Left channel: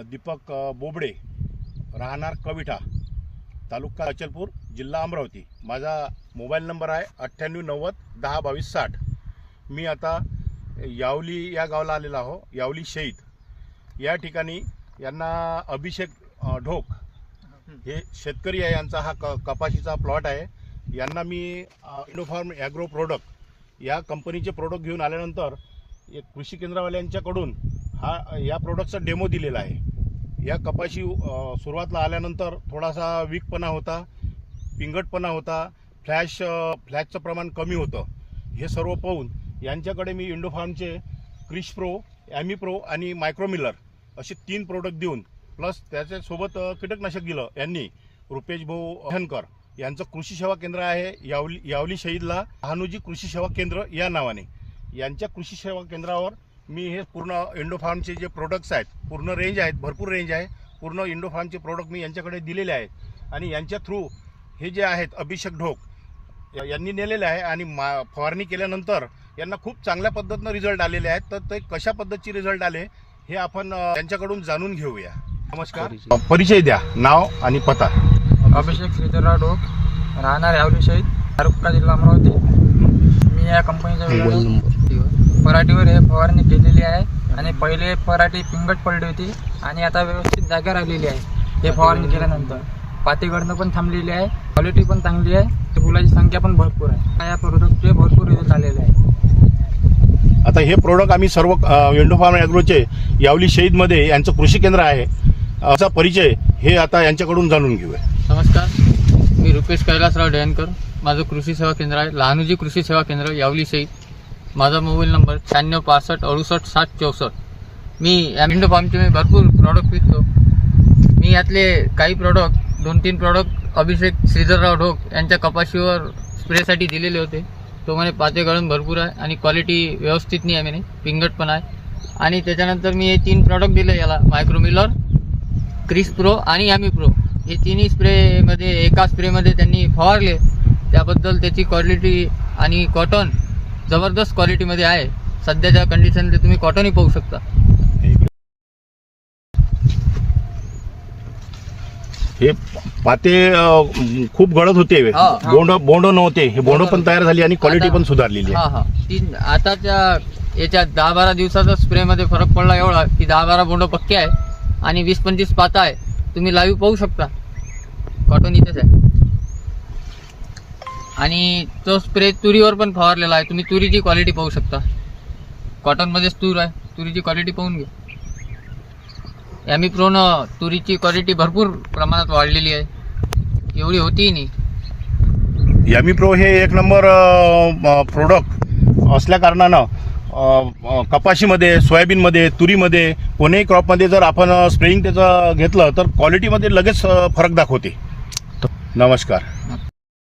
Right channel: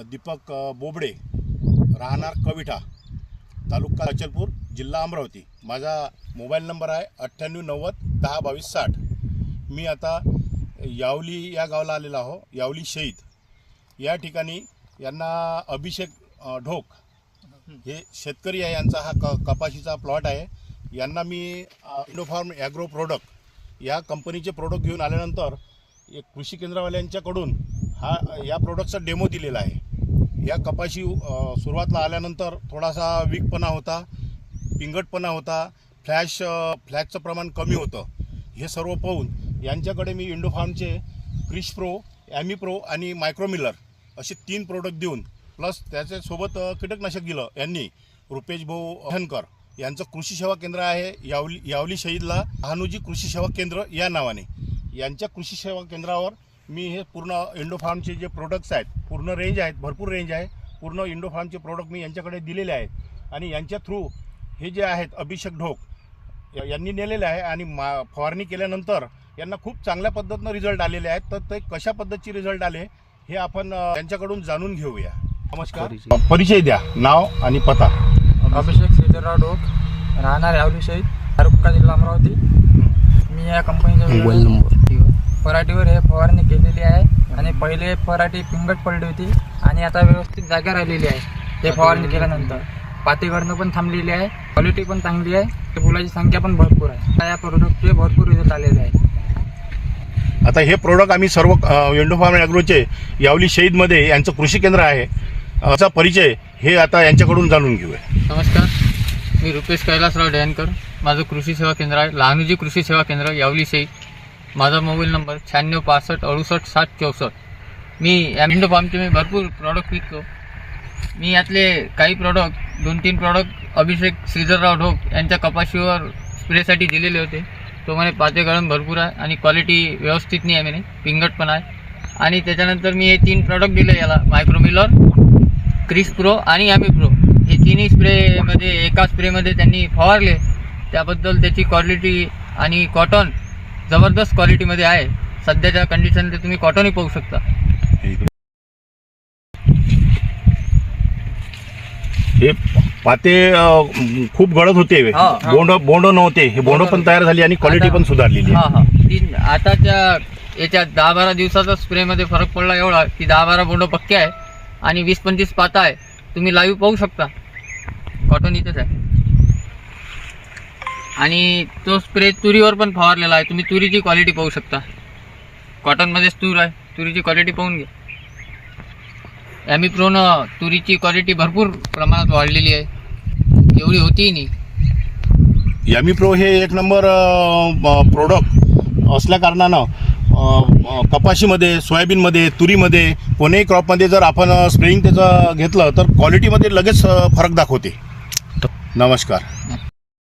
दीपक बोबडे, राहणार कविठा, तालुका अचलपूर, जिल्हा अमरावती। माझा मोबाईल नंबर आहे 9890102260। मी आता यावली या गावाला आलेला आहो। यावली शहीद या ठिकाणी यांना अभिषेक ढोक हे शेतकरी आहे, यांचा हा कपाशीचा प्लॉट आहे। यांना मी इंडोफार्म ॲग्रो प्रोडक्ट या कंपनीचे प्रोडक्ट घेऊन आल्यानंतर एक कृषी केंद्रवाल्यांच्याकडून या प्रोडक्टचा डेमो दिलेला आहे। या कपाशी सुरुवातला आल्यानंतर थोडासा वीकपणा होता, पिंगटपणा होता, फ्लॅशचं प्रमाण कमी होतं। हे सर्व पाहून यांच्याकडे मी इंडोफार्मचे क्रिश प्रो, ॲमी प्रो आणि मायक्रोमिलर असे 3 प्रोडक्ट देऊन प्लस त्याच्यासोबत कीटकनाशक दिलं। यांनी रुपेश भाऊ हनकर यांचं कृषी सेवा केंद्र आहे यावली शहीदला, हानुजी कृषी सेवा केंद्र या नावाने। यांच्या कृषी सेवा केंद्रावर मी हे पूर्ण इंडोफार्मचे जे प्रोडक्ट्स आहेत, पूर्ण रेंज आहेत, भरपूर रेंज आहे, पूर्ण इंडोफार्मचे प्रोडक्ट मी यांच्याकडे दिलेले आहेत। आणि यांच्या थ्रू हे जे आहेत अभिषेक ढोक यांनी नेलेले आहे आणि फवारणी केल्यानंतर यांना खूप चांगल्या पद्धतीनं रिझल्ट आलेले आहेत। तर ते कशा पद्धतीचे रिझल्ट आले हे आपण त्यांच्याकडून जाणून घेऊया। नमस्कार, परिचय द्या, नाव आणि पत्ता। अभिषेक श्रीधरराव ढोक, राहणार यावली शहीद, तालुका जिल्हा अमरावती। मी या कंपनीच्या पराठीवर हे फवारणी केलेली आहे आणि पहिले पराठी पिंगट पडली होती आणि आता व्यवस्थित जागा राहिलेली आहे। हे फवारणी केल्यानंतर पाती गळणं पण थांबलेली आहे, क्वालिटी पण चांगली आहे, फुलाची संख्या पण भरपूर आहे। या प्रोडक्टचे भरपूर रिझल्ट आलेले आहे। आता हे प्रोडक्ट आम्ही सर्व इंडोफार्म ॲग्रोचे यावली शहीदमध्ये यांचं कृषी केंद्र आहे, याचा परिचय हे आता यांच्याकडून जाणून घेऊया। नमस्कार, मी रुपेश कैलासराव डयनकर, माझं कृषी सेवा केंद्र आहे लहानुजी कृषी सेवा केंद्र यावली शहीद। माझा मोबाईल नंबर 9665686064। मी इंडोफार्मचे मी भरपूर प्रॉडक्ट विकतो। मी यातले काही प्रॉडक्ट 2-3 प्रॉडक्ट अभिषेक श्रीधरराव ढोक यांच्या कपाशीवर स्प्रेसाठी दिलेले होते। तो म्हणे पाते गळण भरपूर आहे आणि क्वालिटी व्यवस्थित नाही आहे, म्हणे पिंगट पण आहे। आणि त्याच्यानंतर मी हे 3 प्रॉडक्ट दिले याला, मायक्रोमिलर, क्रिश प्रो आणि ॲमी प्रो। हे तिन्ही स्प्रेमध्ये एका स्प्रेमध्ये त्यांनी फवारले, त्याबद्दल त्याची क्वालिटी आणि कॉटन जबरदस्त क्वालिटीमध्ये आहे। सध्याच्या कंडिशनमध्ये तुम्ही कॉटनही पाहू शकता। हे पाते खूप गळत होते, बोंड नव्हते, हे बोंड पण तयार झाली आणि क्वालिटी पण सुधारलेली आहे। आताच्या याच्या 10-12 दिवसाचा स्प्रेमध्ये फरक पडला एवढा की 10-12 बोंड पक्के आहे आणि 20-25 पाता आहे। तुम्ही लाईव्ह पाहू शकता, कॉटन इथंच आहे। आणि तो स्प्रे तुरीवर पण फवारलेला आहे, तुम्ही तुरीची क्वालिटी पाहू शकता। कॉटनमध्येच तूर आहे, तुरीची क्वालिटी पाहून घ्या। ॲमी प्रोनं तुरीची क्वालिटी भरपूर प्रमाणात वाढलेली आहे, एवढी होतीही नाही। ॲमी प्रो हे 1 नंबर प्रोडक्ट असल्या कारणानं कपाशीमध्ये, सोयाबीनमध्ये, तुरीमध्ये, कोणत्याही क्रॉपमध्ये जर आपण स्प्रेइंग त्याचं घेतलं तर क्वालिटीमध्ये लगेच फरक दाखवते। नमस्कार।